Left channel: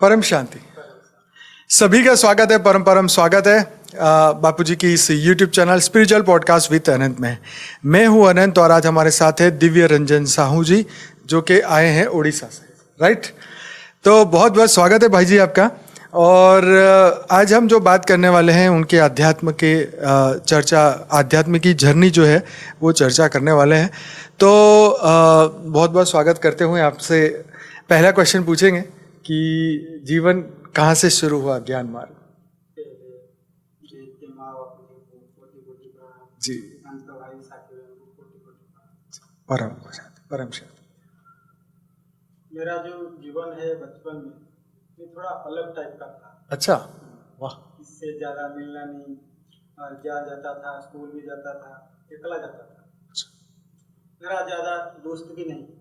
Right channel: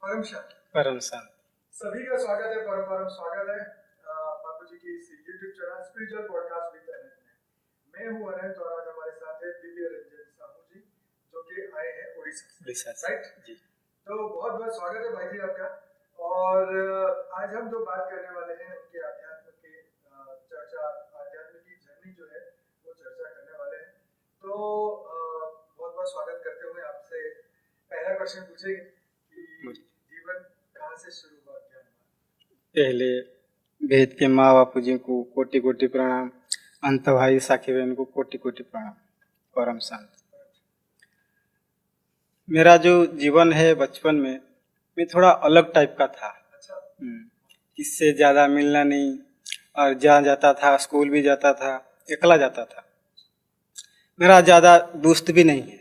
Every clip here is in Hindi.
परम शांति। परम शांति। सभी का स्वागत है, परम परम स्वागत है बापूजी की इस YouTube channel spiritual podcast with Anant में। मैं हूं अनंत और आज हमारे साथ है दिव्य रंजन साहू जी जो कि आए हैं उड़ीसा से, राइट। तो बहुत बहुत स्वागत है भाई जी आपका। और आज हम जो बात करने वाले हैं उनके अध्यात्म के चर्चा, आध्यात्म की जर्नी जो है वो चर्चा करने वाले हैं। तो बहुत बहुत स्वागत करते हुए आपसे पहला क्वेश्चन पूछेंगे कि जीवन कहाँ से शुरू हुआ, ज्ञान मार्ग? पहले वेद के माँ बापू जी को कोटि कोटि प्रणाम जी। अंत भाई साखी बहन को कोटि कोटि प्रणाम। परम शांति। मेरा जो जीवन है बचपन में मैं थोड़ा अलग टाइप का था। अच्छा, वाह। किससे ज़्यादा मिलना नहीं, और जहाँ जाता था स्कूल भी जाता था, अकेला जाता था। मेरा ज़्यादा दोस्त भी नहीं है,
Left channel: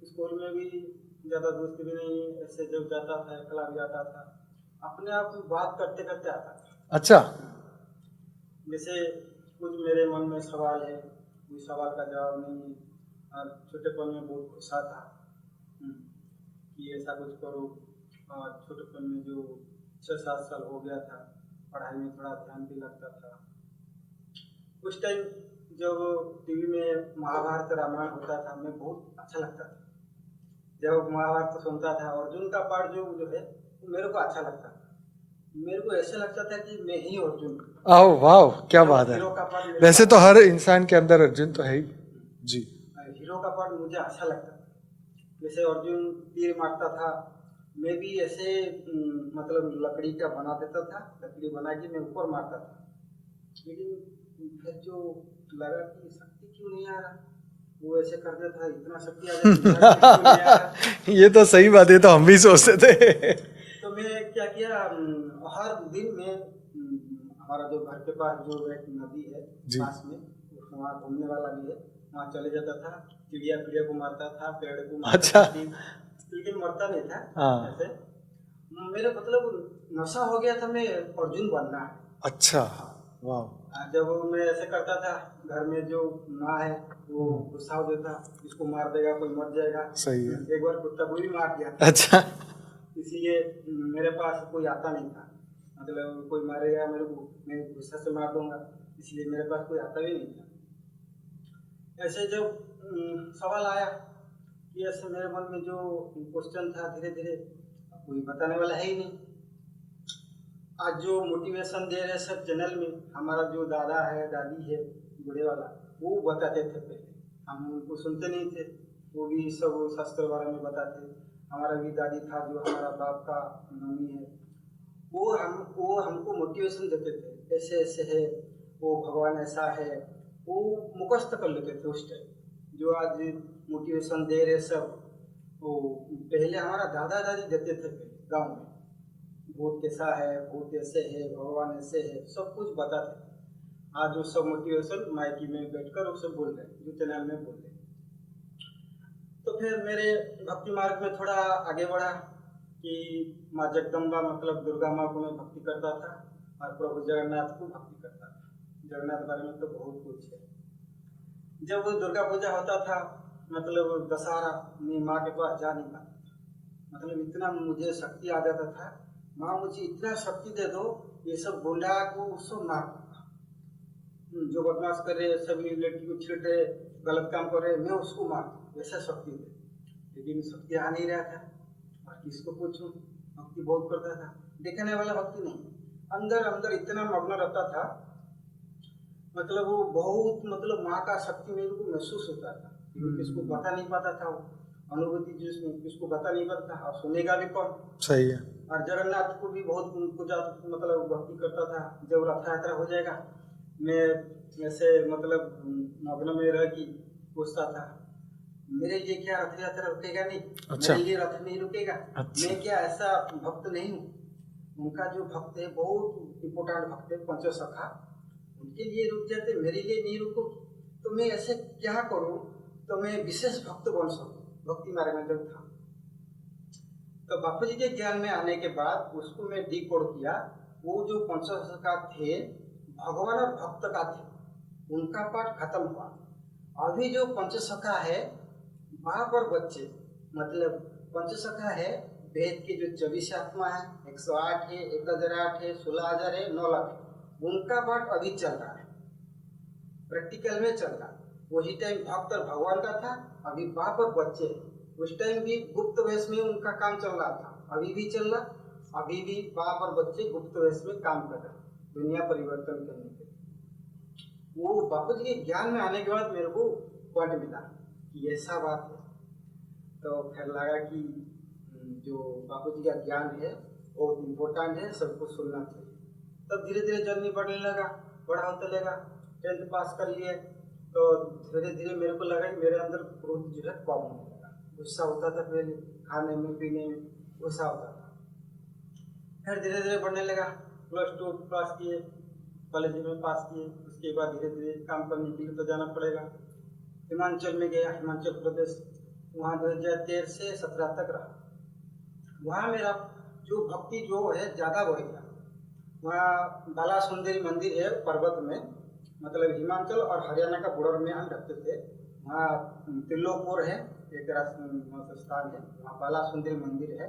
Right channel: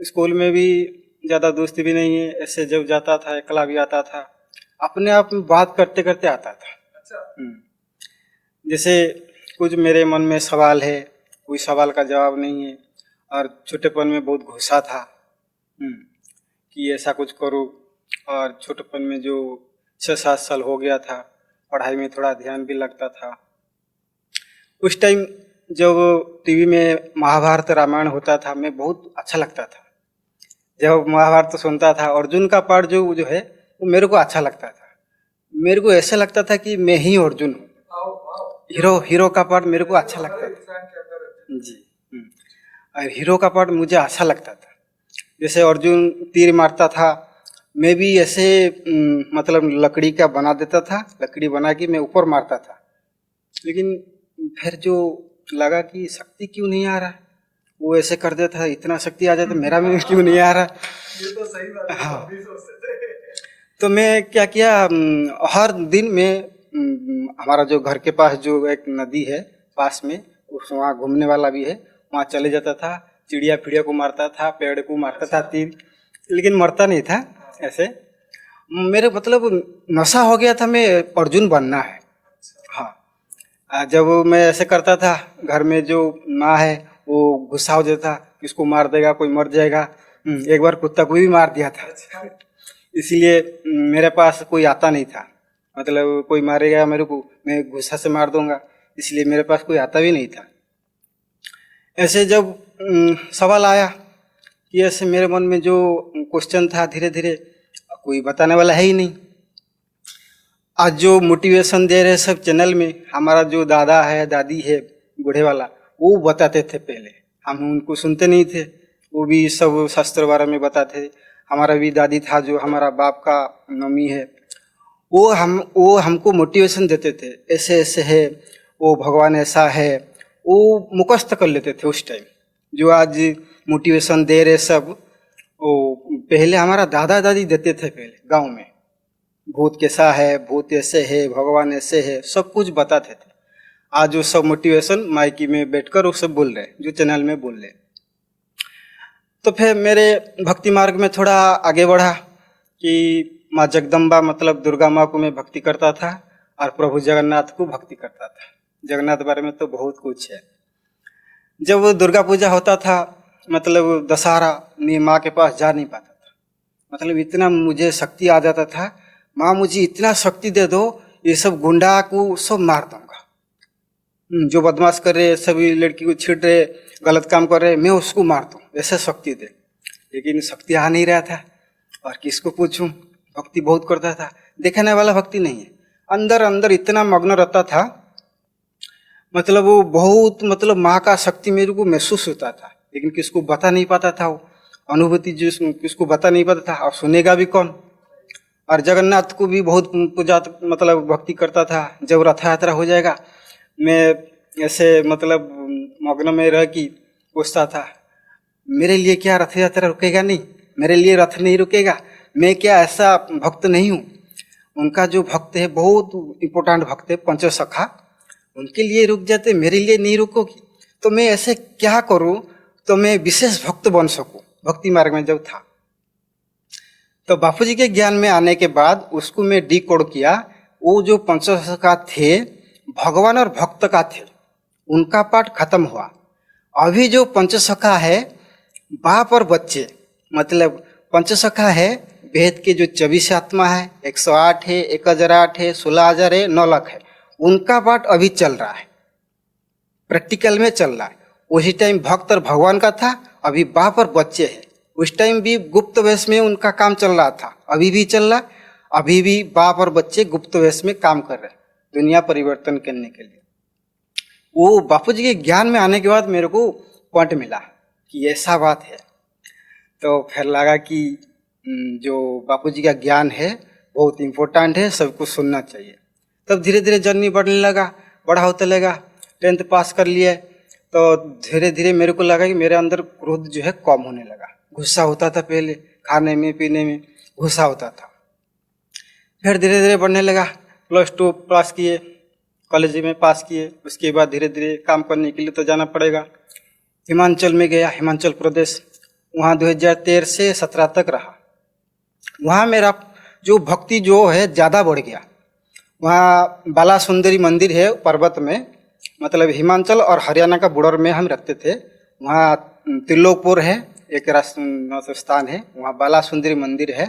स्कूल में भी ज़्यादा दोस्त भी नहीं है। ऐसे जब जाता था अकेला भी आता था, अपने आप में बात करते करते आता था। अच्छा। जैसे कुछ मेरे मन में सवाल है, कोई सवाल का जवाब नहीं है, और छोटेपन में बहुत गुस्सा था कि ऐसा कुछ करूँ। और छोटेपन में जो 6-7 साल हो गया था, पढ़ाई में थोड़ा ध्यान भी लगता था। उस टाइम जब टीवी में महाभारत रामायण होता था, मैं बहुत अच्छा लगता था। जब महाभारत सुनता था, अर्जुन का पार्ट जो है वो मेरे को अच्छा लगता था। मेरे को ऐसा लगता था कि मैं ही अर्जुन हूँ। वाह, क्या बात है। हीरो का पार्ट मेरे को वैसे तो अच्छा हर इंसान के अंदर अर्जुन तो है ही। जी। और हीरो का पार्ट मुझे अच्छा लगता था। जैसे अर्जुन तीर मारता था, मैं भी ऐसे मतलब लकड़ी का बना देता था, लकड़ी बना के मैं ऊपर मारता था। लेकिन फिर जो लगा कि शक्ति क्यों नहीं आ रहा, वो ऐसे कर देता था, इतना शक्ति आ जाए तो मेरा भी क्यों नहीं आ रहा। ये तो सही बात है, तो हम भी सोचते थे। तो मैं क्या किया, हर दिन में हमारा जो घर के पास जो एक नदी है पास में, उस वहाँ घूमने वाला भी है, वहाँ चले जाता था। चिड़िया फिड़िया को मारता था, पेड़ को मारता था तीर, लेकिन मरता नहीं था। ऐसे मेरे मतलब नशा हो गया था, मैं अर्जुन बनना है। अच्छा, हाँ। वाह। जब मैं ऐसे करता था, घर में जो माँ है वो गुस्सा हो जाता, इसको मार देगा, कोई मर जाएगा। एक बार कुत्ता को भी मार दिया था। अच्छा। इसलिए मेरे पास कोई आता नहीं था, मतलब कोई मारेगा मेरे को, मैं गुस्सा से मार दूंगा, इसलिए मेरे पास कोई आता भी नहीं था। ऐसे जब सवाल आया कि ऐसे मेरे मन में जो क्वेश्चन था, धीरे धीरे कोई बताने वाला है ही नहीं। आज जो मोटिवेशन दे रहे सब चैनल में, हमारा जो दादा है दादी है बूढ़े वाला, वो बताते थे पहले, हम उनको सुनते नहीं थे। वो भी सब शास्त्र बारे में बताते थे। हमारा भी दादी था जो हमारा बाप का मम्मी है, वो हमको मोटिवेशन देते थे, ऐसे ऐसे है, वो भगवान ऐसा है, वो मुखस्त कर लेते थे उस टाइम। जो आज मोटिवेशन दे रहे सब, वो पहले हमारा दादा दादी देते थे। पहले गांव में भूत कैसा है, भूत ऐसे है, भगवान ऐसे है, सब कुछ बताते थे। आज वो सब मोटिवेशन माइकी में बैठकर वो सब बोल रहे हैं, जो चैनल में बोल रहे हैं। तो फिर मेरे भक्ति मार्ग में थोड़ा आगे बढ़ा कि माँ जगदम्बा मतलब दुर्गा माँ को मैं भक्ति करता था, और प्रभु जगन्नाथ को भक्ति करता था। जगन्नाथ बारे में तो बहुत कुछ है। जब दुर्गा पूजा होता था, मतलब दशहरा, मैं माँ के पास जा नहीं पाता था। मतलब इतना मुझे शक्ति आ जाता था, माँ मुझे इतना शक्ति दे दो, ये सब गुंडा को सब मार दूंगा, जो बदमाश कर रहे, सभी लड़की को छीट रहे, गलत काम कर रहे, मैं उसको मार दूँ, ऐसे शक्ति दे। लेकिन शक्ति आ नहीं रहा था, और किसको पूछूं। भक्ति बहुत करता था, देखने वाला भक्ति नहीं है, अंदर अंदर इतना मग्न रहता था। मतलब वो बहुत, मतलब माँ का शक्ति मेरे को महसूस होता था, लेकिन किसको बता नहीं पाता था। वो अनुभूति जो किसको बता नहीं पाता था, और सुनेगा भी कौन। सही है। और जगन्नाथ को भी बहुत पूजा, मतलब भक्ति करता था। जब रथ यात्रा हो जाएगा, मैं ऐसे मतलब मग्न में रह कि पूछता था, मेरे लिए क्या रथ यात्रा रुकेगा नहीं? अच्छा। मेरे लिए रथ नहीं रुकेगा। अच्छा। मैं क्या ऐसा भक्त नहीं हूँ? उनका जो भक्त है बहुत इम्पोर्टेंट भक्त है, पंचसखा, उनके लिए रुक जाते, मेरे लिए नहीं रुकोगी? तो मैं ऐसे क्या करूँ तो मैं विशेष भक्त बन सकूँ? भक्ति मार्ग में जब था, तो बापूजी के ज्ञान में आने के बाद उसको मैं डिकोड किया। वो जो पंचसखा थे, भगवान और भक्त का थे, उनका पाठ खत्म हुआ। अभी जो पंचसखा है, बाप और बच्चे, मतलब पंचसखा है वेद के जो 24 आत्मा है, 108 है, 1008 है, 16,000 है, 9 लाख है, उनका पाठ अभी चल रहा है, प्रैक्टिकल में चल रहा है। उसी टाइम भक्त और भगवान का था, अभी बाप और बच्चे हैं। उस टाइम भी गुप्त वेश में उनका काम चल रहा था, अभी भी चल रहा, अभी भी बाप और बच्चे गुप्त वेश में काम कर रहे हैं दुनिया परिवर्तन करने के लिए। वो बापू जी के ज्ञान में आने के बाद मेरे को पॉइंट मिला कि ऐसा बात है। तो फिर लगा कि जो बापू जी का ज्ञान है बहुत इम्पोर्टेंट है, सबको सुनना चाहिए। तब धीरे धीरे जर्नी बढ़ने लगा, बड़ा होते लगा। 10th पास कर लिए तो धीरे धीरे मेरे को लगा कि मेरे अंदर क्रोध जो है कम होने लगा। गुस्सा होता था पहले, खाने में पीने में गुस्सा होता था। फिर धीरे धीरे बढ़ने लगा। +2 पास किए, कॉलेज में पास किए। उसके बाद धीरे धीरे काम करने के लिए तो जाना पड़ेगा। हिमाचल में गया, हिमाचल प्रदेश। वहाँ 2013 से 17 तक रहा। वहाँ मेरा जो भक्ति जो है ज़्यादा बढ़ गया। वहाँ बाला सुंदरी मंदिर है पर्वत में, मतलब हिमाचल और हरियाणा का बॉर्डर में हम रखते थे। वहाँ त्रिलोकपुर है, एक राष्ट्र स्थान है, वहाँ बाला सुंदरी मंदिर है।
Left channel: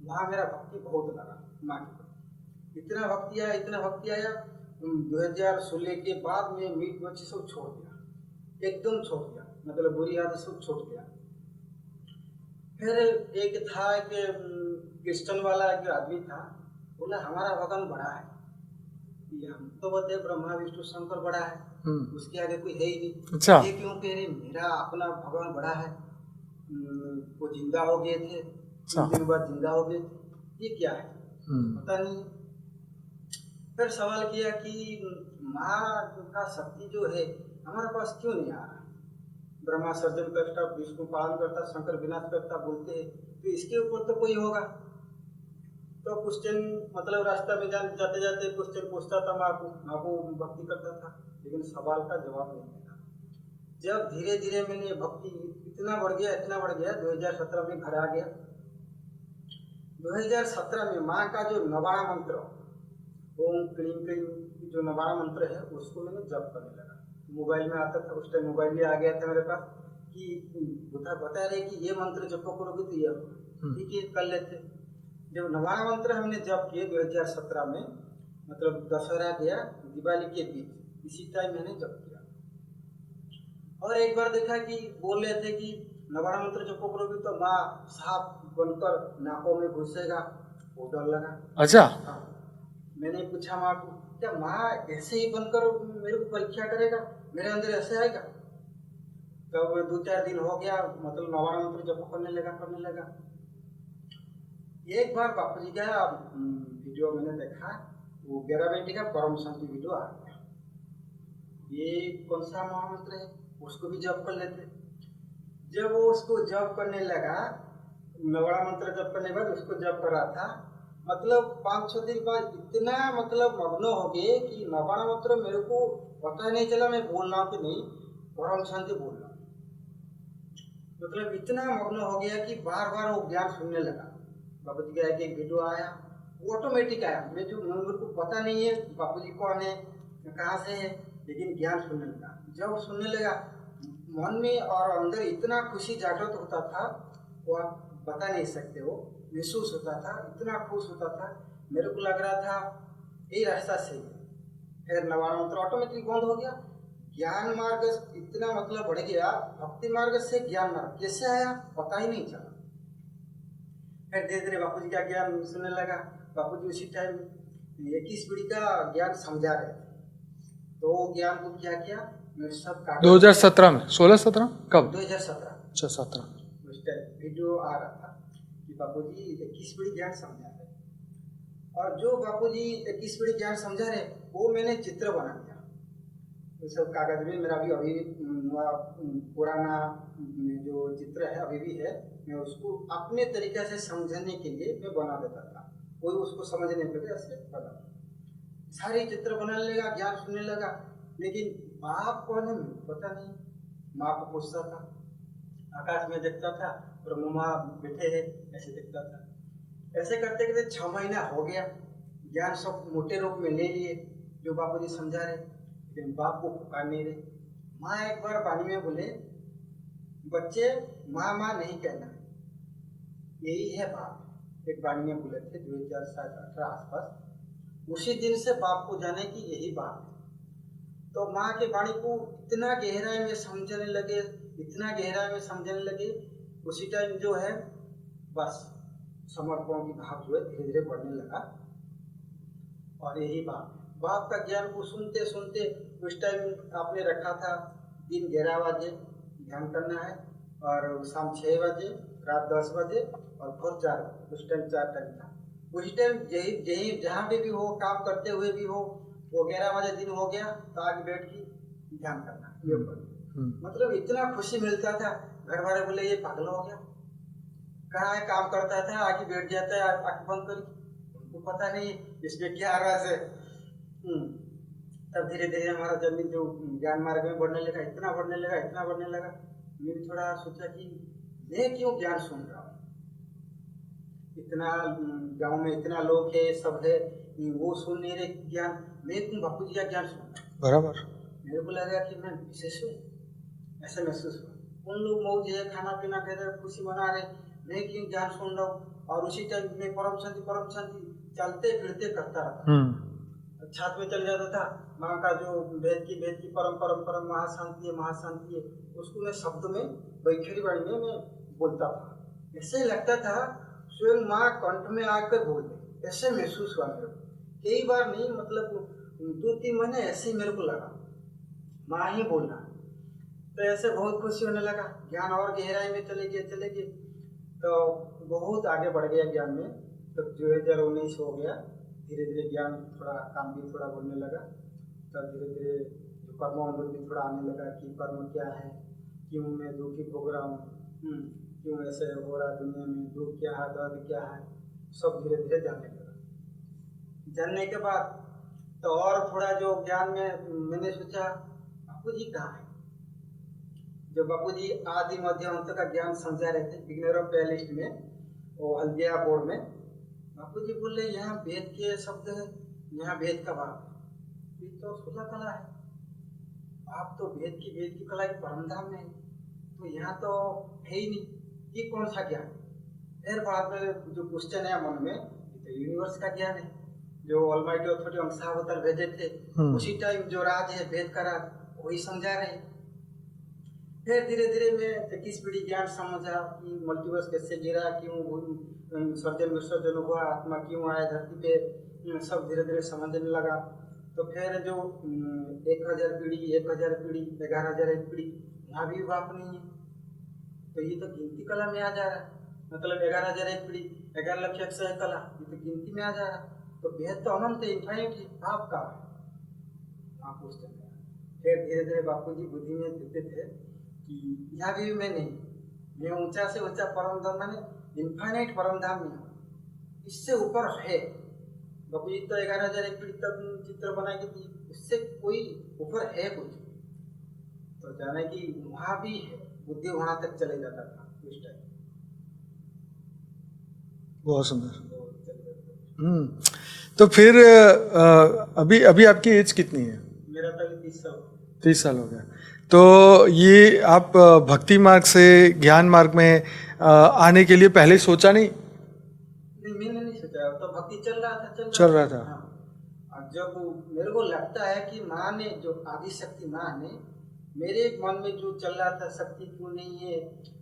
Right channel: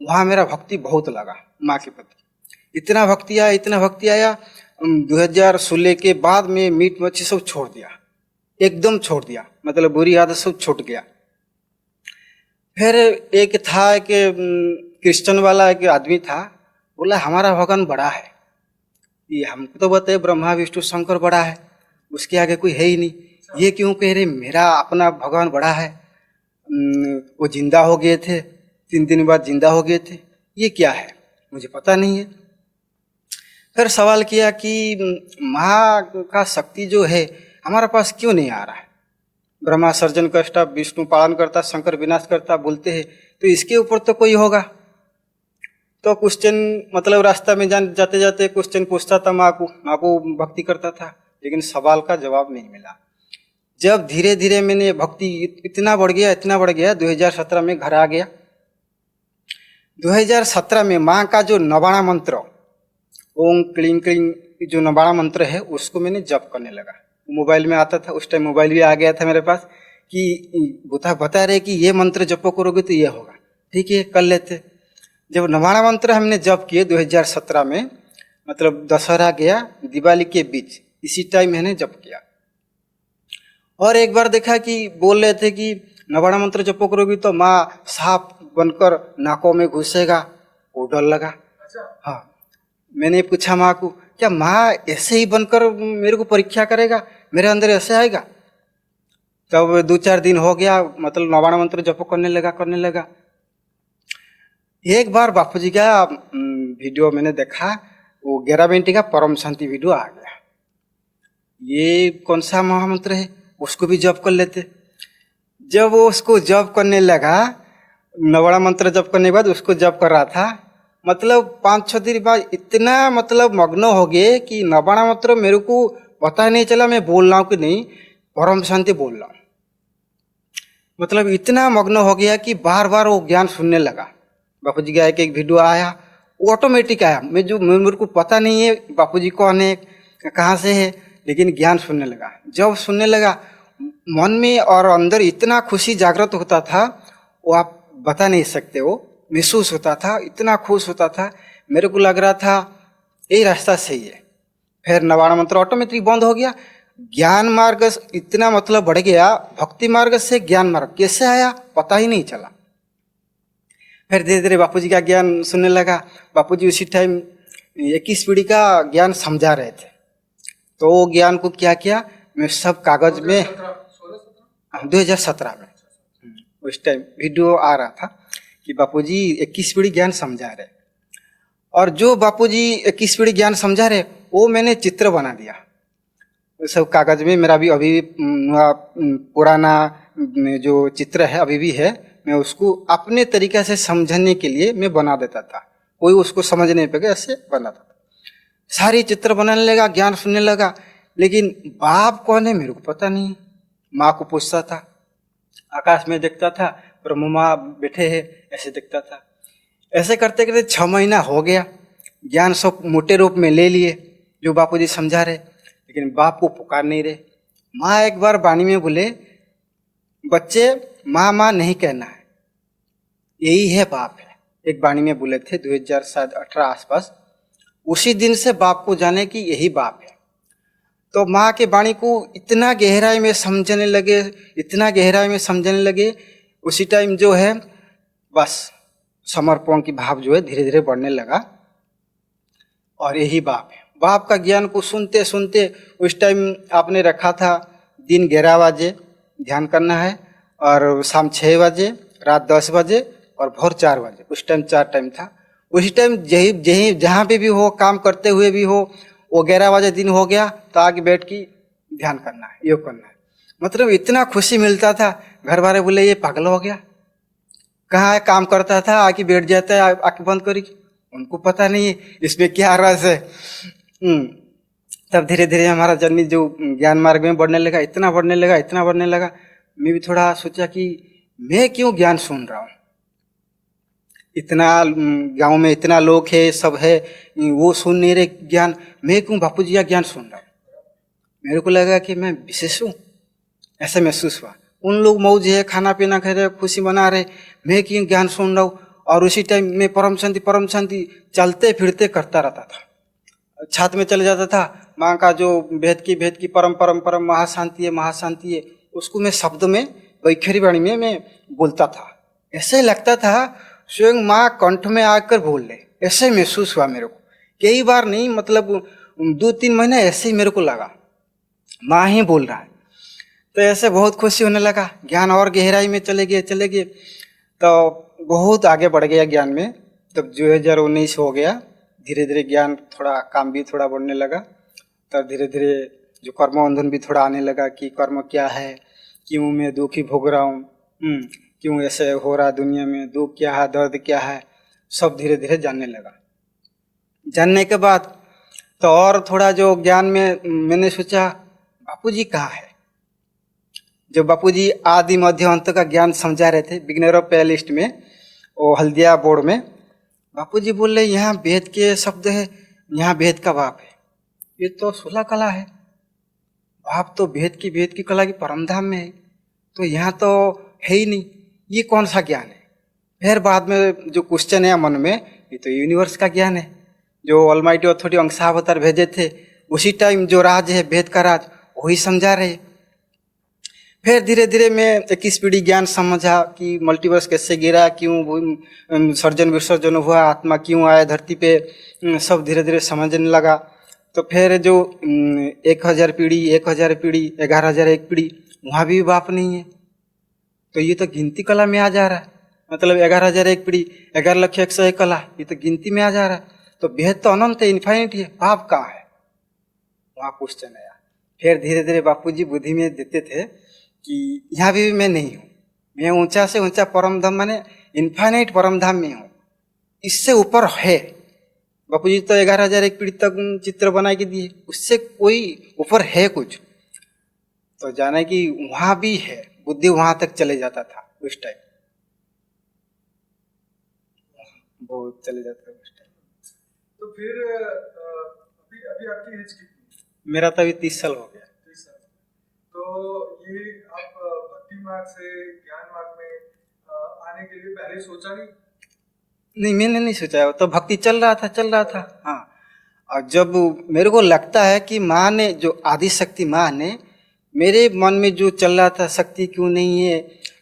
वहाँ मेरा भक्ति बहुत लगा माँ के प्रति। इतना भक्ति आया 2016 के बाद में मीट मच्छी सब छोड़ दिया, एकदम छोड़ दिया, मतलब बुरी आदत सब छूट गया। फिर एक था कि क्रिश्चियन वाला एक आदमी था, बोला हमारा भगवान बड़ा है। ये हमको तो बताए ब्रह्मा विष्णु शंकर बड़ा है, उसके आगे कोई है ही नहीं। अच्छा। ये क्यों कह रहे मेरा अपना भगवान बड़ा है? वो जिंदा हो गए थे, 3 दिन बाद जिंदा हो गए थे, ये क्या है मुझे पता नहीं है। फिर सवाल किया कि माँ का शक्ति जो है हमारे पास क्यों नहीं आ रहा है? ब्रह्मा सर्जन करता, विष्णु पालन करता, शंकर विनाश करता बोलते हैं, तो इसके ऊपर तो कोई होगा। तो क्वेश्चन, मतलब रास्ता में जाते जाते क्वेश्चन पूछता था माँ को भक्ति करता था, लेकिन सवाल का जवाब नहीं मिला। जब धीरे धीरे मैंने भक्ति इतना बढ़ गया 2017 में घर आ गया। 2017 में माँ का जो नवाणा मंत्र, ओम क्लीं क्लीं जो नवाणा मंत्र है, उसको मैंने जप करने लगा। मोबाइल में आता था, उस टाइम मोबाइल भी आ गया था मेरे पास, कि बता रहे कि ये मंत्र जप करोगे तो ये होगा। ठीक है, कर लेते। जब नवाणा मंत्र हमने जप किए 2017 में, मतलब दशहरा गया दिवाली के बीच, इसी टाइम मैंने जप किया। और एक बार देखा कि बोल रहे थे कि नवाणा मंत्र जप करोगी तो माँ सांप बनकर नाकों में घुसेगा, वो डर लगा। अच्छा। हाँ, मैंने पूछा माँ को, क्या माँ ऐसे ही बनकर मेरे को परीक्षा करेगा, मेरे अंदर ऐसे आएगा? तब 2-4 दिन हो गया, मतलब नवाणा मंत्र जप करने लगा। एक बार बापू जी का वीडियो मैंने देखा, वो 11 मिनट का परम शांति वीडियो आ गया। ये कौन सा महामंत्र है, उसको भी जप कर लेते। जब वो उसको जप करने लगा, नवाणा मंत्र जप करने के बाद उसको जप कर रहा था, मतलब 5-6 दिन बाद इतना मतलब मग्न हो गए कि नवाणा मंत्र मेरे को पता नहीं चला मैं बोल रहा हूँ कि नहीं, परम शांति बोल रहा हूँ। मतलब इतना मग्न हो गया कि बार बार वो ज्ञान सुनने लगा। बापू जी का एक वीडियो आया, वो ऑटोमेटिक आया। मेरे को पता नहीं है बापू जी कौन है, कहाँ से है, लेकिन ज्ञान सुनने लगा। जब सुनने लगा, मन में और अंदर इतना खुशी जागृत होता था, वो आप बता नहीं सकते। वो महसूस होता था, इतना खुश होता था, मेरे को लग रहा था यही रास्ता सही है। फिर नवाणा मंत्र ऑटोमेटिक बंद हो गया। ज्ञान मार्ग इतना मतलब बढ़ गया, भक्ति मार्ग से ज्ञान मार्ग कैसे आया पता ही नहीं चला। फिर धीरे धीरे बापू जी का ज्ञान सुनने लगा। बापू जी उसी टाइम 21 पीढ़ी का ज्ञान समझा रहे थे। तो वो ज्ञान को क्या किया, मैं सब कागज 2017 में 16-17 कब? 2017 में। अच्छा, 17 में। उस टाइम वीडियो आ रहा था कि बापूजी 21 पीढ़ी ज्ञान समझा रहे, और जो बापूजी 21 पीढ़ी ज्ञान समझा रहे वो मैंने चित्र बना दिया। वो सब कागज में मेरा भी अभी पुराना जो चित्र है अभी भी है, मैं उसको अपने तरीके से समझने के लिए मैं बना देता था। कोई उसको समझ नहीं पाएगा, ऐसे बनाता था। सारी चित्र बनाने लगा, ज्ञान सुनने लगा, लेकिन बाप कौन है मेरे को पता नहीं। माँ को पूछता था, आकाश में देखता था, ब्रह्म माँ बैठे हैं, ऐसे देखता था। ऐसे करते करते 6 महीना हो गया। ज्ञान सब मोटे रूप में ले लिए जो बापूजी समझा रहे, लेकिन बाप को पुकार नहीं रहे। माँ एक बार वाणी में बोले, बच्चे माँ माँ नहीं कहना है, यही है बाप है। एक वाणी में बोले थे 2018 आसपास। उसी दिन से बाप को जाने कि यही बाप है। तो माँ के वाणी को इतना गहराई में समझने लगे, इतना गहराई में समझने लगे, उसी टाइम जो है बस समर्पण की भाव जो है धीरे धीरे बढ़ने लगा और यही बाप है। बाप का ज्ञान को सुनते सुनते उस टाइम आपने रखा था दिन 11 बजे ध्यान करना है और शाम 6 बजे, रात 10 बजे और भोर 4 बजे। उस टाइम 4 टाइम था। उसी टाइम जहाँ पे भी हो, काम करते हुए भी हो, वो 11 बजे दिन हो गया तो आगे बैठ के ध्यान करना है, योग करना है। मतलब इतना खुशी मिलता था। घर वाले बोले ये पागल हो गया, कहाँ है, काम करता था आके बैठ जाता है आंखें बंद करी। उनको पता नहीं है इसमें क्या रस है। तब धीरे धीरे हमारा जर्नी जो ज्ञान मार्ग में बढ़ने लगा, इतना बढ़ने लगा, इतना बढ़ने लगा। मैं भी थोड़ा सोचा कि मैं क्यों ज्ञान सुन रहा हूँ, इतना गांव में इतना लोग है, सब है, वो सुन नहीं रहे ज्ञान, मैं क्यों बापू जी का ज्ञान सुन रहा हूँ। बराबर। मेरे को लगा कि मैं विशेष हूँ, ऐसा महसूस हुआ। उन लोग मौज है, खाना पीना खा रहे, खुशी मना रहे, मैं क्यों ज्ञान सुन रहा हूँ। और उसी टाइम में परम शांति चलते फिरते करता रहता था। छात में चले जाता था, माँ का जो भेद की परम महाशांति है, उसको मैं शब्द में वैखरी वाणी में मैं बोलता था। ऐसे लगता था स्वयं माँ कंठ में आकर बोल ले, ऐसे महसूस हुआ मेरे को। कई बार नहीं, मतलब 2-3 महीने ऐसे ही मेरे को लगा माँ ही बोल रहा है। तो ऐसे बहुत खुशी होने लगा, ज्ञान और गहराई में चले गए तो बहुत आगे बढ़ गया ज्ञान में। तब 2019 हो गया, धीरे धीरे ज्ञान थोड़ा, काम भी थोड़ा बढ़ने लगा। तब धीरे धीरे जो कर्म बंधन भी थोड़ा आने लगा कि कर्म क्या है, क्यों मैं दुखी भोग रहा हूँ, क्यों ऐसे हो रहा दुनिया में, दुख क्या है, दर्द क्या है, सब धीरे धीरे जानने लगा। जानने के बाद तो और थोड़ा जो ज्ञान में मैंने सोचा बापू जी कहाँ है। जो बापू जी आदि मध्य अंत का ज्ञान समझा रहे थे बिगनर ऑफ प्लेलिस्ट में, वो हल्दिया बोर्ड में, बापू जी बोल रहे यहाँ वेद के शब्द है, यहाँ वेद का बाप है। ये तो 16 कला है, बाप तो वेद की कला की परमधाम में है, तो यहाँ तो है ही नहीं, ये कौन सा ज्ञान है। फिर बाद में जो क्वेश्चन है मन में, ये तो यूनिवर्स का ज्ञान है, जो ऑलमाइटी अथॉरिटी अंशावतार भेजे थे उसी टाइम जो राज है वेद का राज, वही समझा रहे। फिर धीरे धीरे मैं 21 पीढ़ी ज्ञान समझा कि मल्टीवर्स कैसे गिरा, क्यों सर्जन विसर्जन हुआ, आत्मा क्यों आया धरती पे, सब धीरे धीरे समझने लगा। तो फिर जो 1000 पीढ़ी 11,001 पीढ़ी, वहाँ भी बाप नहीं है, तो ये तो गिनती कला में आ जा रहा है। मतलब 11,001 पीढ़ी, 11,01,001 कला, ये तो गिनती में आ जा रहा है। तो बेहद तो अनंत है, इन्फाइनिट है, बाप कहाँ है, वहाँ क्वेश्चन आया। फिर धीरे धीरे बापू जी बुद्धि में देते थे कि यहाँ भी मैं नहीं हूँ, मैं ऊंचा से ऊंचा परम धाम माने इन्फाइनाइट परम धाम में हूँ, इससे ऊपर है। बापू जी तो 11,001 पीढ़ी तक चित्र बना के दिए, उससे कोई ऊपर है कुछ, तो जाने कि वहाँ भी है। बुद्धि वहाँ तक चले जाता था उस टाइम, बहुत सुंदर, बहुत चले जाता था। तो फिर अभी आपकी एज कितनी है? मेरा तो अभी 30 साल हो गया। 30 साल हो गया। तो ये आप भक्ति मार्ग से ज्ञान मार्ग में आने के लिए पहले सोचा नहीं? नहीं, मैंने नहीं सोचा, तो भक्ति चल रहा था। हाँ, और जब मेरे को लगता है कि माँ ने, जो आदि शक्ति माँ ने मेरे मन में जो चल रहा था, शक्ति क्यों नहीं है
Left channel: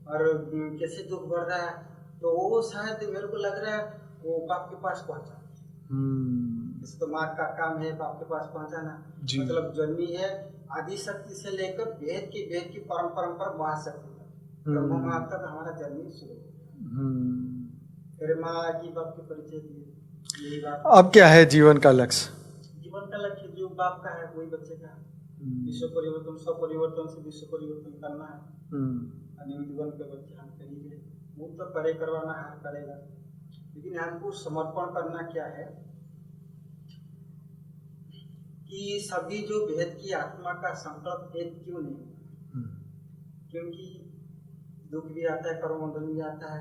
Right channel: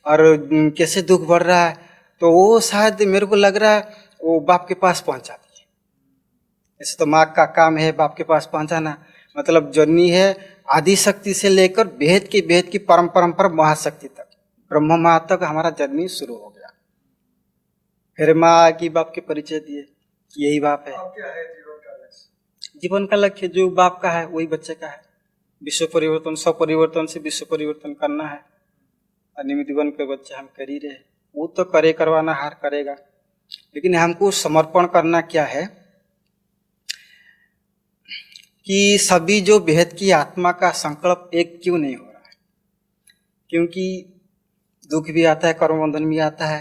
और कैसे दुख बढ़ रहा है, तो वो शायद मेरे को लग रहा है वो बाप के पास पहुंचा दिए। ऐसे तो माँ का काम है बाप के पास पहुंचाना, मतलब जर्नी है आदि शक्ति से लेकर भेद की परम महाशक्ति तक, ब्रह्म माँ तक हमारा जर्नी शुरू हो गया। फिर माँ की बाप के परिचय दिए, यही बाप है। अब क्या है जीवन का लक्ष्य? जीवन का लक्ष्य जो बाप का है वही बच्चे का है। विश्व परिवर्तन, सब परिवर्तन से विश्व परिवर्तन करना है। निमित्त बन के बच्चे हम कर ही रहे, वो तो करे, करवाना हार करेगा, लेकिन हमको समर्पण करना क्या है कि सभी जो भेद की आत्मा का संकल्प एक क्यों नहीं हो रहा है। क्योंकि दुख भी आता है, कर्म बंधन भी आता है,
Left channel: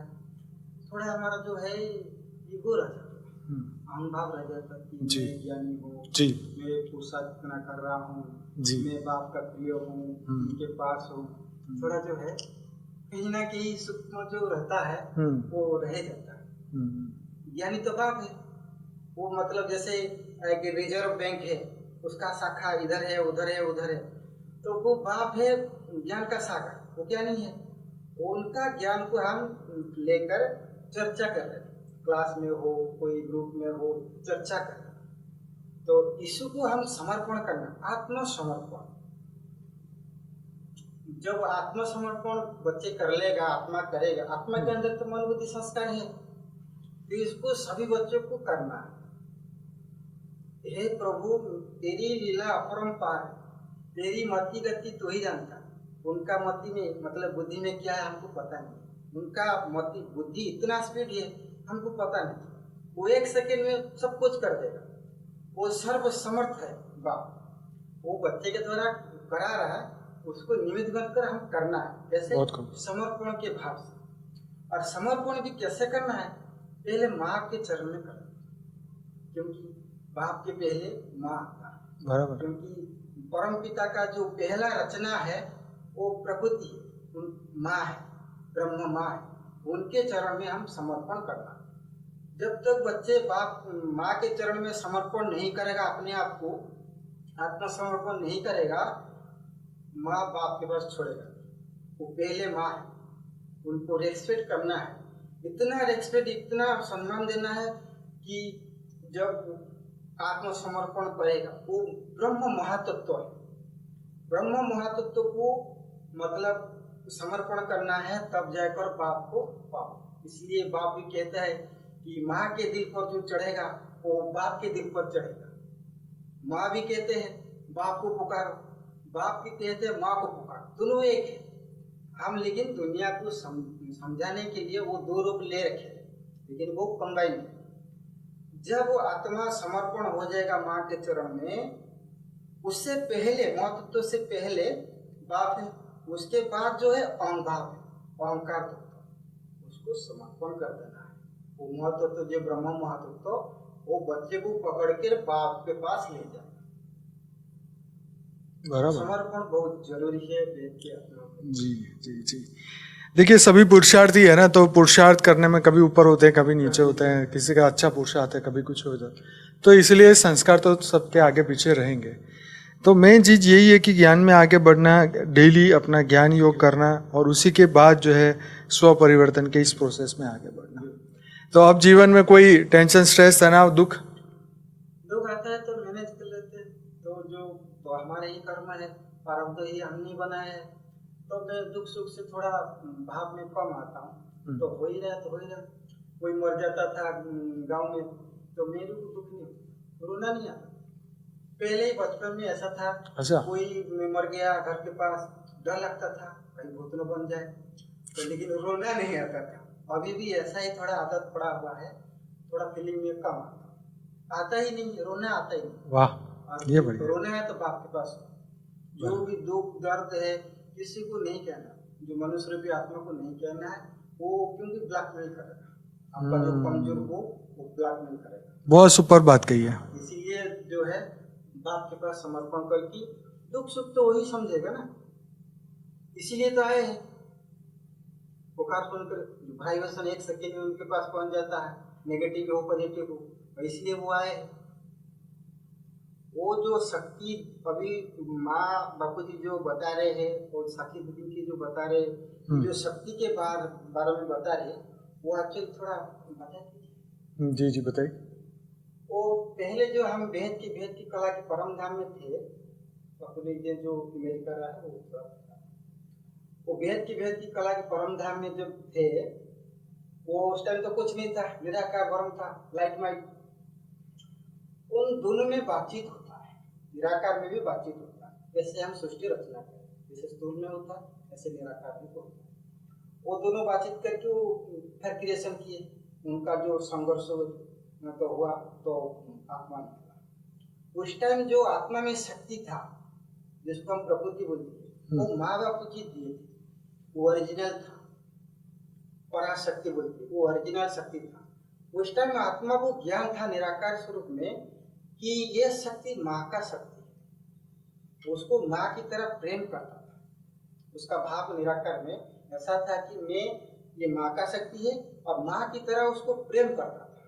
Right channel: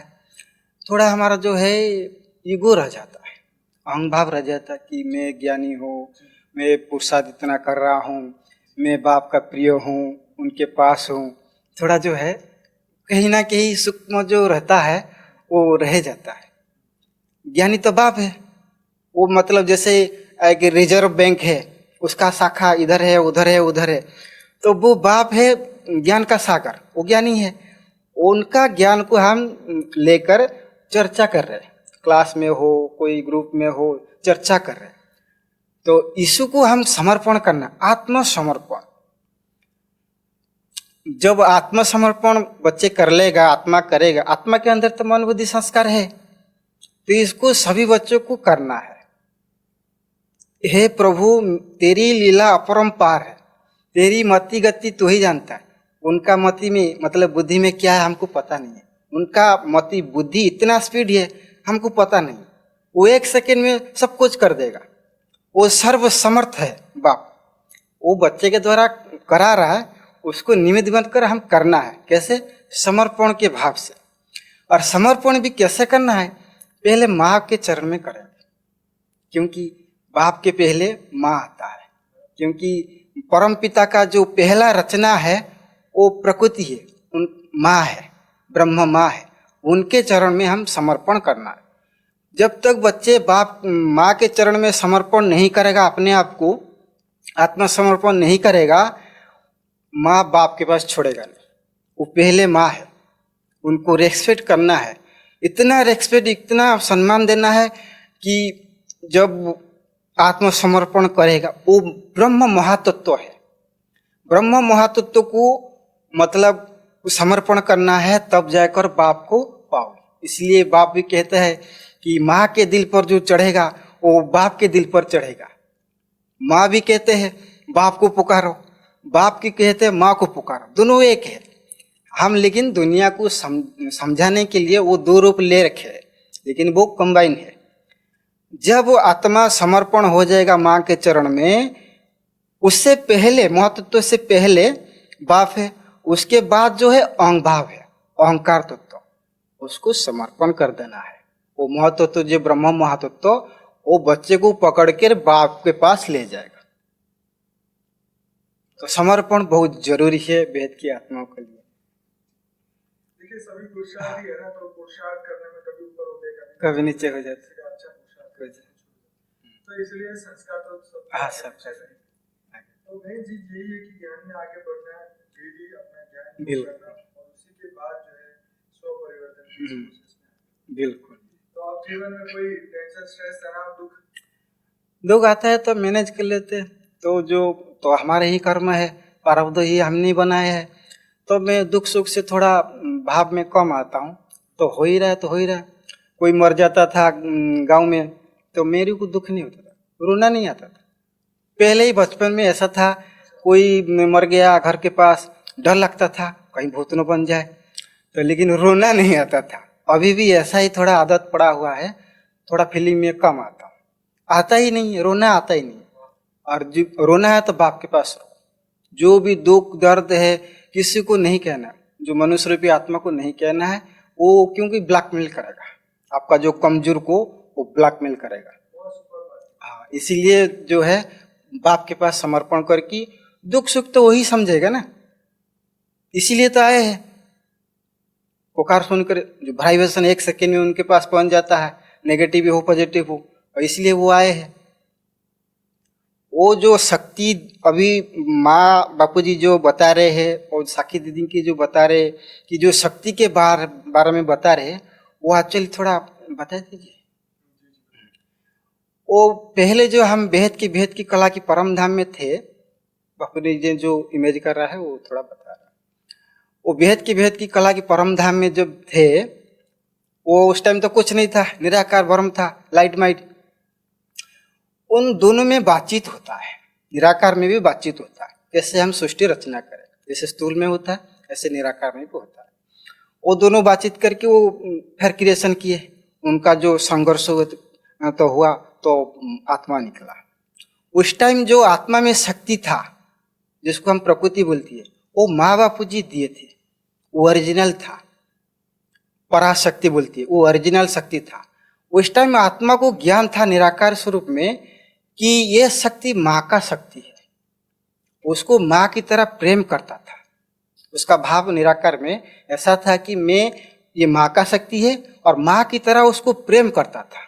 थोड़ा हमारा जो है ईगो रह जाता है, अहंग भाव रह जाता है कि मैं ज्ञानी हूँ, मैं पुरुषार्थ इतना कर रहा हूँ, मैं बाप का प्रिय हूँ, उनके पास हूँ। थोड़ा जो है कहीं ना कहीं सूक्ष्म जो रहता है वो रह जाता है। ज्ञानी तो बाप है। वो मतलब जैसे एक रिजर्व बैंक है, उसका शाखा इधर है उधर है उधर है, तो वो बाप है ज्ञान का सागर, वो ज्ञानी है। उनका ज्ञान को हम लेकर चर्चा कर रहे हैं, क्लास में हो कोई ग्रुप में हो, चर्चा कर रहे हैं। तो यीशु को हम समर्पण करना, आत्मसमर्पण। जब आत्मसमर्पण बच्चे कर लेगा, आत्मा करेगा, आत्मा के अंदर तो मन बुद्धि संस्कार है, तो इसको सभी बच्चों को करना है। हे प्रभु, तेरी लीला अपरंपार है, तेरी मति गति तू ही जानता है। उनका मति में मतलब बुद्धि में क्या है हमको पता नहीं है। उनका मति बुद्धि इतना स्पीड है हमको पता नहीं। वो 1 सेकेंड में सब कुछ कर देगा। वो सर्व समर्थ है बाप। वो बच्चे के द्वारा करा रहा है, उसको निमित्त बनकर हम करना है। कैसे? समर्पण के भाव से। और समर्पण भी कैसे करना है? पहले माँ के चरण में करेंगे, क्योंकि बाप के पहले माँ आता है। क्योंकि परम पिता का जो पहला रचना है वो प्रकृति है, उन माँ है, ब्रह्म माँ है, उनके चरण में हम समर्पण करना है। जब तक बच्चे बाप माँ के चरण में समर्पण नहीं करेगा, अपने आप को आत्मसमर्पण नहीं करेगा, माँ बाप के पास छोड़ेगा नहीं। वो पहले माँ है, उनको रेस्पेक्ट करना है। इतना रेस्पेक्ट, इतना सम्मान देना है कि जब आत्मसमर्पण करेगा, वो ब्रह्म महातत्व है। ब्रह्म महातत्व को मतलब समर्पण करना है, तब जाकर बाप को पाओ। इसलिए बाप भी कहते हैं कि माँ के दिल पर जो चढ़ेगा वो बाप के दिल पर चढ़ेगा। माँ भी कहते हैं बाप को पुकारो, बाप की कहते हैं माँ को पुकारो, दोनों एक है। हम लेकिन दुनिया को समझाने के लिए वो 2 रूप ले रखे हैं, लेकिन वो कंबाइन है। जब वो आत्मा समर्पण हो जाएगा माँ के चरण में, उससे पहले महत्व से पहले बाप है, उसके बाद जो है अहंग भाव है, अहंकार तत्व, उसको समर्पण कर देना है। वो महत्व जो ब्रह्म महत्व, वो बच्चे को पकड़ कर बाप के पास ले जाएगा। समर्पण बहुत जरूरी है वेद की आत्मा के लिए। जी जी जी। देखिए, सभी पुरुषार्थी है ना, तो पुरुषार्थ करने में कभी ऊपर होते हैं, कभी नीचे होते हैं, किसी का अच्छा पुरुषार्थ है, कभी कुछ हो जाता है। तो इसलिए संस्कार तो सबके आगे पीछे रहेंगे। तो मेन चीज यही है कि ज्ञान में आगे बढ़ना, डेली अपना ज्ञान योग करना, और उसी के बाद जो है स्व परिवर्तन के इस प्रोसेस में आगे बढ़ना। बिल्कुल। तो अब जीवन में कोई टेंशन, स्ट्रेस, तनाव, दुख आता है तो मैनेज कर लेते हैं। तो हमारे ही कर्म है, प्रारब्ध ही हमने बनाए हैं। तो मैं दुख सुख से थोड़ा भाव में कम आता हूँ। तो हो ही रहा है तो हो ही रहा है। कोई मर जाता था गांव में, तो मेरे को दुख नहीं होता था, रोना नहीं आता था। पहले ही बचपन में ऐसा था। अच्छा। कोई मर गया घर के पास, डर लगता था कहीं भूत न बन जाए, तो लेकिन रोना नहीं आता था। अभी भी ऐसा ही थोड़ा आदत पड़ा हुआ है, थोड़ा फीलिंग में कम आता हूँ, आता ही नहीं, रोना आता ही नहीं। वाह। और रोना है तो बाप के पास रो। जो भी दुख दर्द है किसी को नहीं कहना, जो मनुष्य रूपी आत्मा को नहीं कहना है, वो क्योंकि ब्लैकमेल करेगा आपका, जो कमजोर को वो ब्लैकमेल करेगा। बहुत सुपर बात कही है। इसीलिए जो है बाप के पास समर्पण करके दुख सुख तो वही समझेगा ना, इसीलिए तो आए हैं। पुकार सुनकर जो वाइब्रेशन 1 सेकेंड में उनके पास पहुंच जाता है, नेगेटिव हो पॉजिटिव हो, और इसलिए वो आए हैं। वो जो शक्ति अभी माँ बापूजी जो बता रहे हैं और साखी दीदी की जो बता रहे कि जो शक्ति के बारे में बता रहे, वो एक्चुअली थोड़ा बता दीजिए। जी जी बताइए। वो पहले जो हम भेद की कला की परम धाम में थे, बापूजी जी जो इमेज कर रहा है वो थोड़ा बता रहा है। वो भेद की कला की परम धाम में जब थे, वो उस टाइम तो कुछ नहीं था, निराकार ब्रह्म था, लाइट माइट। उन दोनों में बातचीत होता है, निराकार में भी बातचीत होता है। जैसे हम सृष्टि रचना करें, जैसे स्थूल में होता है, ऐसे निराकार में भी होता है। वो दोनों बातचीत करके वो फिर क्रिएशन किए। उनका जो संघर्ष तो हुआ तो आत्मा निकला। उस टाइम जो आत्मा में शक्ति था, जिसको हम प्रकृति बोलती है, वो माँ बापू जी दिए थे, वो ओरिजिनल था। पराशक्ति बोलती है, वो ओरिजिनल शक्ति था। उस टाइम आत्मा को ज्ञान था निराकार स्वरूप में कि ये शक्ति माँ का शक्ति है। उसको माँ की तरह प्रेम करता था। उसका भाव निराकार में ऐसा था कि मैं, ये माँ का शक्ति है और माँ की तरह उसको प्रेम करता था।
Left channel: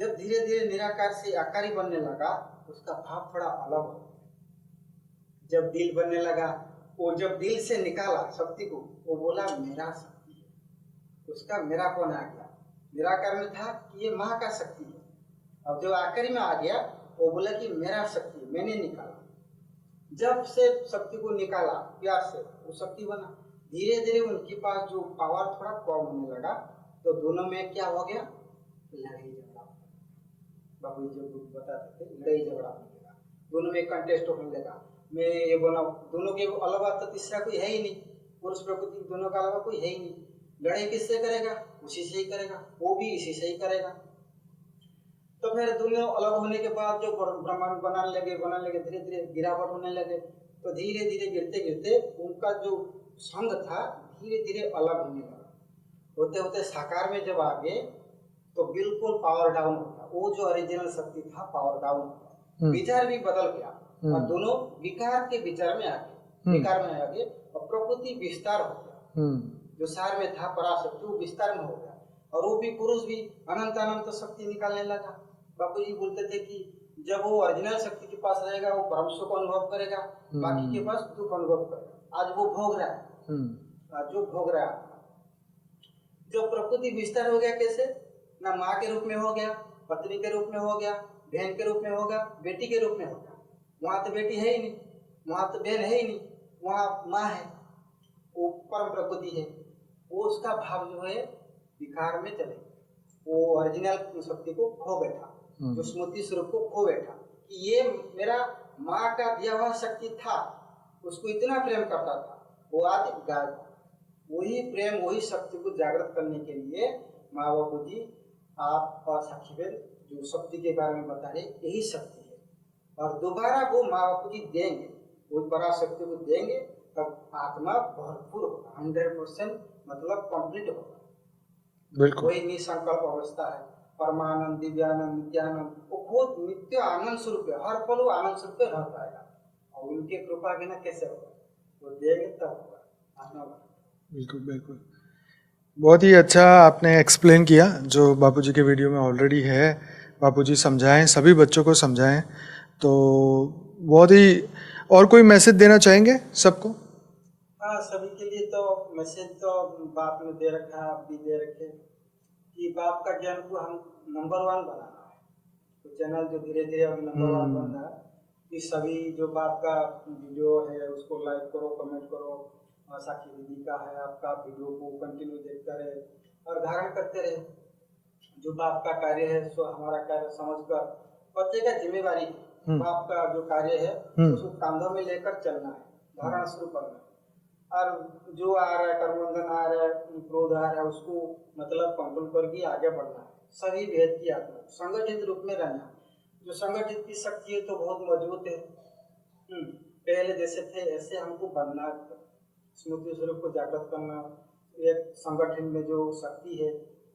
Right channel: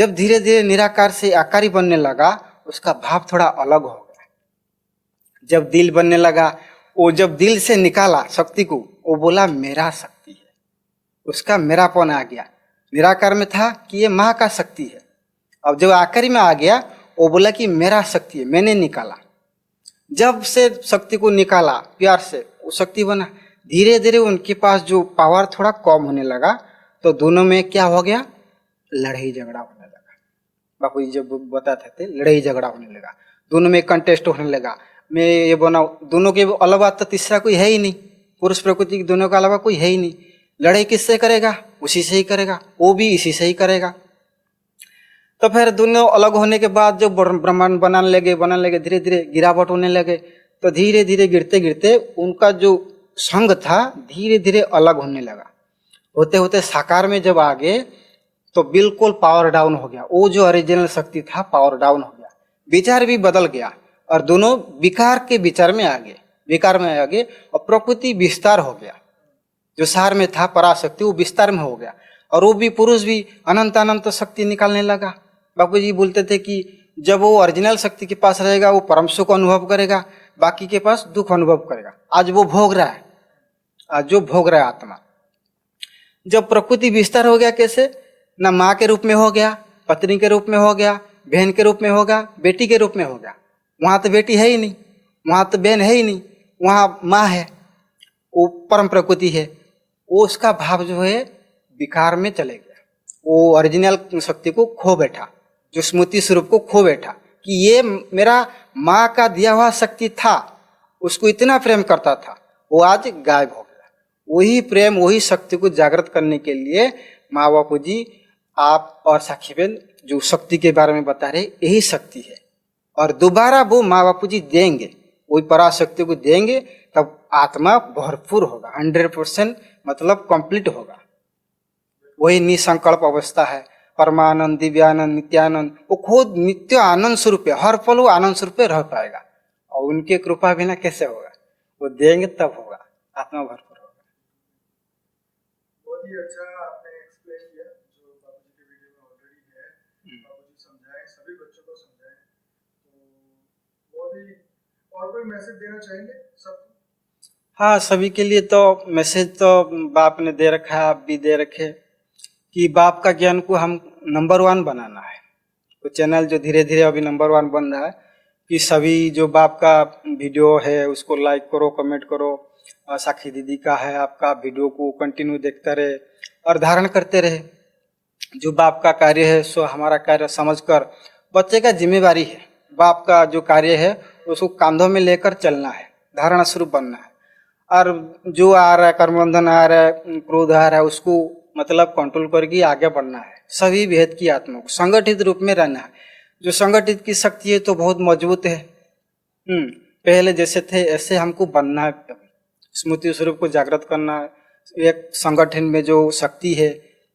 जब धीरे धीरे निराकार से आकारी बनने लगा, उसका भाव थोड़ा अलग हो गया। जब दिल बनने लगा, वो जब दिल से निकाला शक्ति को, वो बोला मेरा शक्ति है, उसका मेरापन आ गया। निराकार में था कि ये माँ का शक्ति है, अब जब आकारी में आ गया वो बोला कि मेरा शक्ति है, मैंने निकाला। जब से शक्ति को निकाला प्यार से, वो शक्ति बना। धीरे धीरे उनके पास जो पावर थोड़ा कम होने लगा, तो दोनों में क्या हो गया, लड़ाई झगड़ा होने लगा। बापू जी जब बताते थे लड़ाई झगड़ा होने लगा, दोनों में कंटेस्ट होने लगा। मैं ये बना, दोनों के अलावा तो तीसरा कोई है ही नहीं, पुरुष प्रकृति के दोनों के अलावा कोई है ही नहीं। लड़ाई किससे करेगा, उसी से ही करेगा, वो भी इसी से ही करेगा। तो फिर दोनों अलग होने के बाद जब ब्रह्मांड बनाने लगे, धीरे धीरे गिरावट होने लगे। तो धीरे धीरे गिरते गिरते उनका जो संग था धीरे धीरे अलग होने लगा। होते होते साकार में जब आ गए तो बिल्कुल पावर डाउन हो गया। वो जो ओरिजिनल शक्ति था पावर डाउन हो गया, विचार भी बदल गया और दोनों विकार के विचार में आ गए, विकार में आ गए और प्रकृति विस्तार हो गया। जो सार में था पराशक्ति वो विस्तार में हो गया और वो भी पुरुष भी अनंत अनंत शक्ति निकालने लगा। बापू जी बोलते थे कि जब वो ओरिजिनल शक्ति के पास रहेगा वो परम सुख अनुभव करेगा, बाकी के पास दुख अनुभव करेगा। आज वो भोग रहा है, आज जो भोग रहा है आत्मा। जब प्रकृति विस्तार हो गया, कैसे ना माँ के रूप में हो गया, पत्नी के रूप में हो गया, बहन के रूप में होगा, बेटी के रूप में हो गया। वहाँ तो बेटी है ही नहीं, वहाँ तो बहन है ही नहीं, वहाँ माँ है, वो परम प्रकृति है। वो उसका भाव जो है विकार में चले गया, वो ओरिजिनल शक्ति को खो बैठा, जो स्मृति स्वरूप को खो बैठा कि ये मेरा माँ का दिया हुआ शक्ति था, उसको इतना प्रेम करता था, वो आज गायब हो गया। वही प्रेम वही शक्ति को जागृत करने के लिए माँ बापू जी आप और साखी बहन जो शक्ति के बारे में बता रहे, यही शक्ति है। और दोबारा वो माँ बापू जी देंगे, वही पराशक्ति को देंगे, तब आत्मा भरपूर होगा, 100% मतलब कंप्लीट होगा। वही निसंकल्प अवस्था है, परमानंद, दिव्यानंद, नित्यानंद। वो खुद नित्य आनंद स्वरूप है, हर पल वो आनंद स्वरूप रह पाएगा। और उनके कृपा बिना कैसे होगा, वो देंगे तब होगा, आत्मा भरपूर होगा। बिल्कुल बिल्कुल, बहुत ही अच्छा आपने एक्सप्लेन किया जो बापूजी के वीडियो में ऑलरेडी है। बापूजी समझाएं, सभी बच्चों को समझाएं, तो बहुत ही। और कोई मैसेज देना चाहेंगे सबको? हाँ, सभी के लिए तो मैसेज तो बाप ने दे रखा है, आप भी दे रखे कि बाप का ज्ञान को हम नंबर 1 बनाना है। तो चैनल जो धीरे धीरे अभी नंबर 1 बन रहा है कि सभी जो बाप का वीडियो है उसको लाइक करो, कमेंट करो। साखी दीदी का है, आपका वीडियो को कंटिन्यू देखते रहे और धारण करते रहे। जो बाप का कार्य है सो हमारा कार्य समझकर, बच्चे का जिम्मेवारी है, बाप का जो कार्य है तो उसको कांधों में लेकर चलना है, धारणा स्वरूप बनना है। और जो आ रहा है कर्मबंधन आ रहा है, क्रोध आ रहा है, उसको मतलब कंट्रोल करके आगे बढ़ना है। सभी भेद की आत्मा को संगठित रूप में रहना है। जो संगठित की शक्ति है तो बहुत मजबूत है। पहले जैसे थे ऐसे हमको बनना है, स्मृति स्वरूप को जागृत करना है। एक संगठन में जो शक्ति है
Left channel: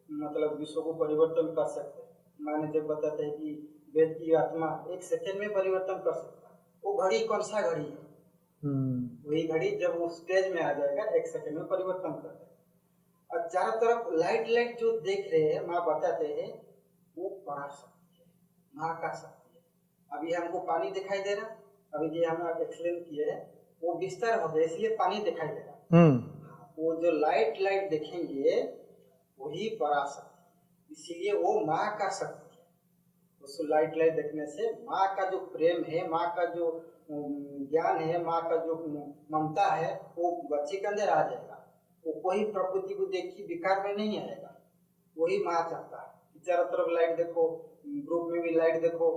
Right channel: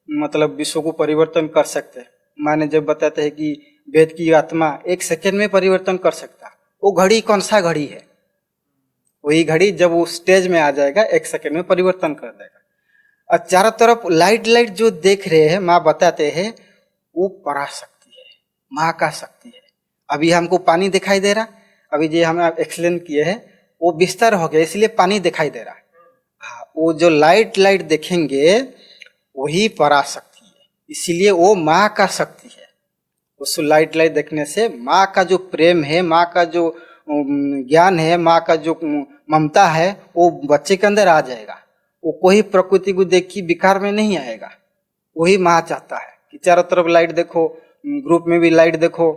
मतलब विश्व को परिवर्तन कर सकते हैं। माने जब बताते हैं कि वेद की आत्मा 1 सेकेंड में परिवर्तन कर सकता है, वो घड़ी कौन सा घड़ी है? वही घड़ी जब वो स्टेज में आ जाएगा 1 सेकेंड में परिवर्तन कर देगा। और चारों तरफ लाइट लाइट जो देख रहे हैं, माँ बताते हैं वो पराशक्ति है, माँ का शक्ति है। अभी हमको पानी दिखाई दे रहा, अभी जो हम एक्सप्लेन किए हैं वो विस्तार हो गया इसलिए पानी दिखाई दे रहा है। हाँ, वो जो लाइट लाइट देखेंगे वही पराशक्ति है, इसीलिए वो माँ का शक्ति है। उस लाइट लाइट देखने से माँ का जो प्रेम है, माँ का जो ज्ञान है, माँ का जो ममता है वो बच्चे के अंदर आ जाएगा। वो कोई प्रकृति को देखी विकार में नहीं आएगा। वही माँ चाहता है कि चारों तरफ लाइट देखो, ग्रुप में भी लाइट देखो,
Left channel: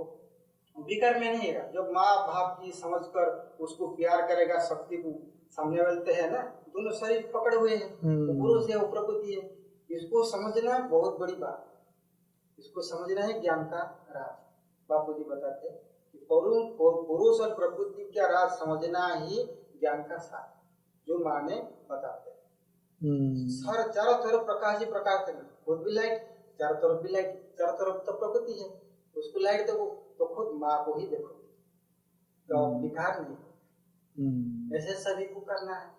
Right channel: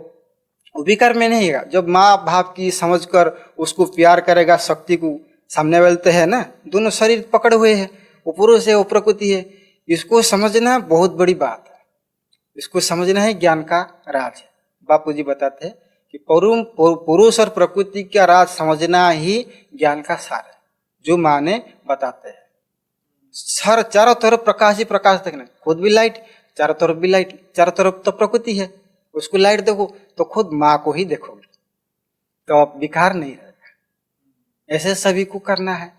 वो विकार में नहीं आएगा। जब माँ भाव की समझकर उसको प्यार करेगा, शक्ति को, सामने वाले तो है ना, दोनों शरीर पकड़े हुए हैं, वो पुरुष है वो प्रकृति है। इसको समझना बहुत बड़ी बात है, इसको समझना है ज्ञान का राज है। बापू जी बताते हैं कि पुरुष और प्रकृति का राज समझना ही ज्ञान का सार है, जो माँ ने बताते हैं। सर चारों तरफ प्रकाश ही प्रकाश देखना, खुद भी लाइट, चारों तरफ भी लाइट, चारों तरफ तो प्रकृति है, उसको लाइट देखो तो खुद माँ को ही देखोगे, तो अब विकार नहीं रहेगा। ऐसे सभी को करना है।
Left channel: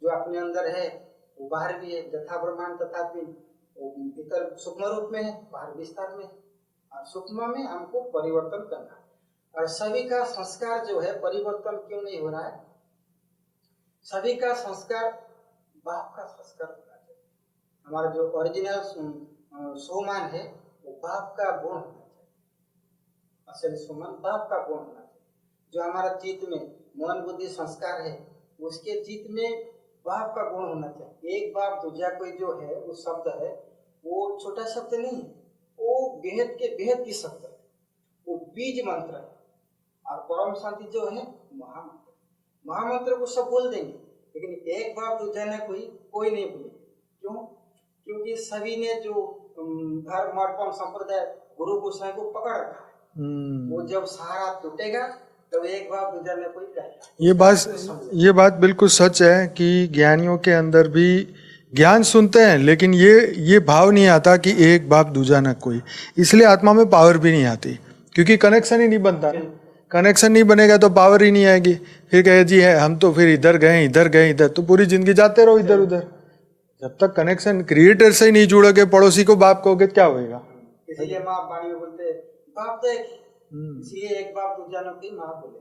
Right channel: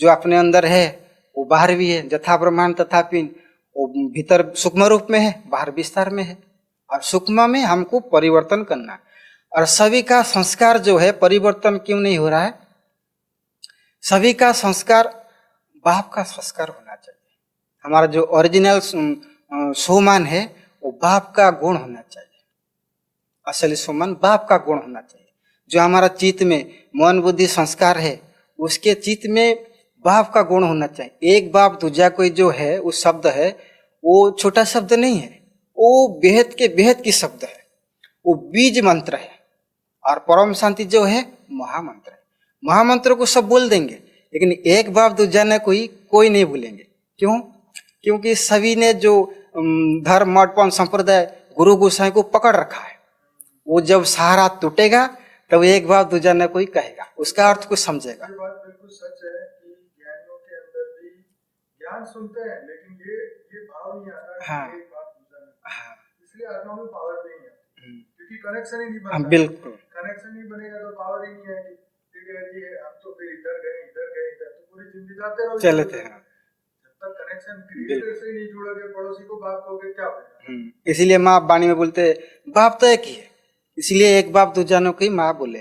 जो अपने अंदर है वो बाहर भी है, जथा ब्रह्मांड तथा पिंड, वो भीतर सूक्ष्म रूप में है, बाहर विस्तार में है। और सूक्ष्म में हमको परिवर्तन करना। और सभी का संस्कार जो है परिवर्तन क्यों नहीं हो रहा है? सभी का संस्कार बाप का संस्कार होना चाहिए। हमारा जो ओरिजिनल सोमान है वो बाप का गुण होना चाहिए। असली सोमान बाप का गुण होना चाहिए। जो हमारा चित्त में मन बुद्धि संस्कार है उसके चित्त में बाप का गुण होना चाहिए। एक बाप दूजा कोई जो है उस शब्द है वो छोटा शब्द नहीं है, वो बेहद के बेहद की शब्द है, वो बीज मंत्र है। और परम शांति जो है महामंत्र है। महामंत्र को सब बोल देंगे लेकिन एक बाप दूजा ने कोई नहीं बोलेंगे। क्यों? क्योंकि सभी ने जो धर्म मठपन संप्रदाय गुरु गोसाई को पकड़ रखा है। वो जब सहारा टूटेगा तब एक बाप दूजा ने कोई कहेगा, उसका अर्थ कुछ समझेगा। ये बात बिल्कुल सच है कि ज्ञानियों के अंदर भी ज्ञान सुनते हैं लेकिन ये भाव नहीं आता कि एक बाप दूजा न कोई, इसलिए आत्मा में पावर भी नहीं आती क्योंकि कनेक्शन ही नहीं बनता। बिल्कुल कनेक्शन नहीं बनेगा तो पावर ही नहीं आएगी। फिर कहे जी है हम तो फिर इधर गए तो पूरी जिंदगी जाते रहो इधर उधर। जब तक कनेक्शन क्रिएटर से ही नहीं जुड़ोगे, पड़ोसी को बाप कहोगे क्या होगा? इसीलिए माँ वाणी में बोलते बाप तो एक ही है, इसलिए एक बाप दूजा ने कोई माँ बोले।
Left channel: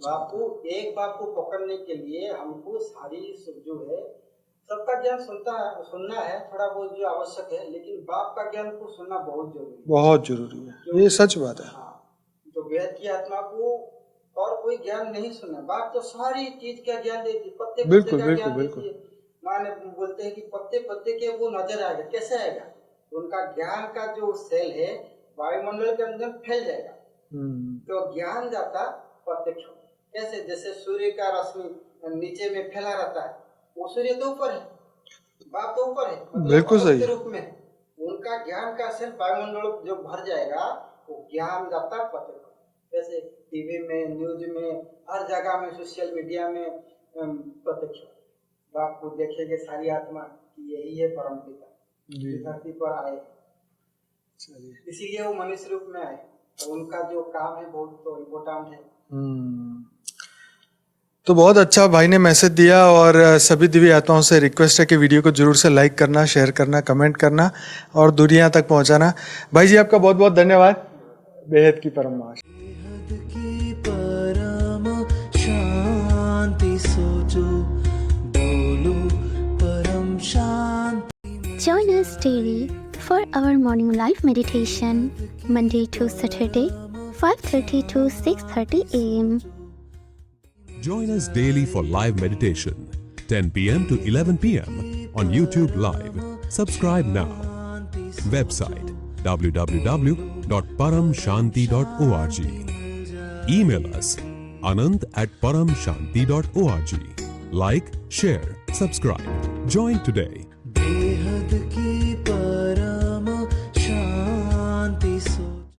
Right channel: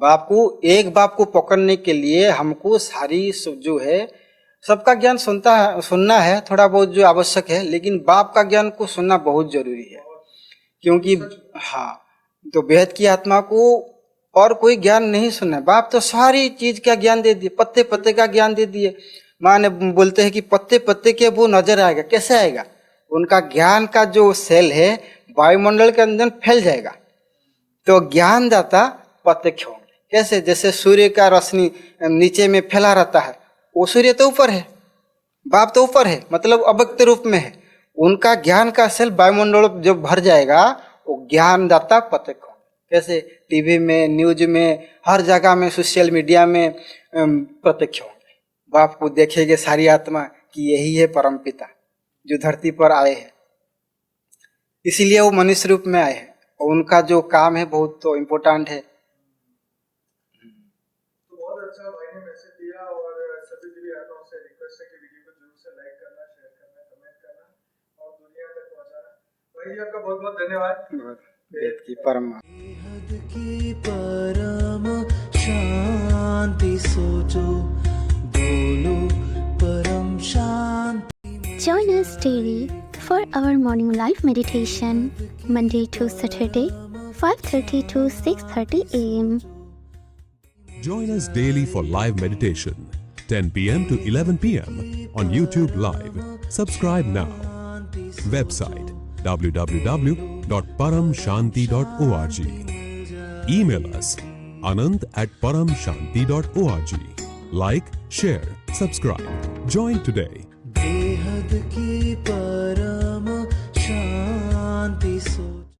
बाप को एक बाप को पकड़ने के लिए हमको सारी जो है सबका ज्ञान सुनना है थोड़ा बहुत जो आवश्यक है, लेकिन बाप का ज्ञान को सुनना बहुत जरूरी है। बहुत जरूरी है क्योंकि सच बात है। हाँ, तो बेहद की आत्मा को और कोई ज्ञान नहीं सुनना है। बाप तो सारी चीज का ज्ञान दे दिए, पत्ते पत्ते का ज्ञान दे दिए। माँ ने बोलते हैं कि पत्ते पत्ते के वो नजर आएगा, कैसे आएगा? उनका ज्ञान का जो सेल है वायुमंडल के अंदर फैल जाएगा। तो ज्ञानदाता प्रत्यक्ष होंगे। कैसे? जैसे सूर्य का रोशनी नीचे में फैला रहता है, वो सूर्य तो ऊपर है, बाप तो ऊपर है, मतलब अव्यक्त रूप में है। उनका ज्ञान का सेल वायुमंडल जब भर जाएगा वो ज्ञानदाता प्रत्यक्ष होंगे। कैसे? टीवी में, न्यूज में, हर जगह में, सोशल मीडिया में प्रत्यक्ष होंगे। बाप को देखेंगे सारी आत्मा कि यही है परम पिता जो धरती पर आए हैं, इसीलिए वो मनुष्य रूप में आए हैं। और उनका जो काम है बहुत तो इम्पोर्टेंट है। तो बहुत अच्छा भाई ने मैसेज दिया। और सभी दिव्य आत्माओं से रिक्वेस्ट है कि वीडियो को जरूर से लाइक करना, शेयर करना, कमेंट करना और दुनिया तक पहुंचाना। भाई जी आपका बहुत बहुत धन्यवाद। बेहद की परम शांति सोचो, बोलो परम शांति। Join us daily for our morning live meditation, Monday to Saturday, 5:30 to 6:30 a.m. Join us daily for live meditation, 10 p.m. to 11 p.m. on YouTube Live. Subscribe now. Website www.paramshanti.org. Email us anand@paramshanti.org. Like, share, subscribe. Join today. बेहद की परम शांति सो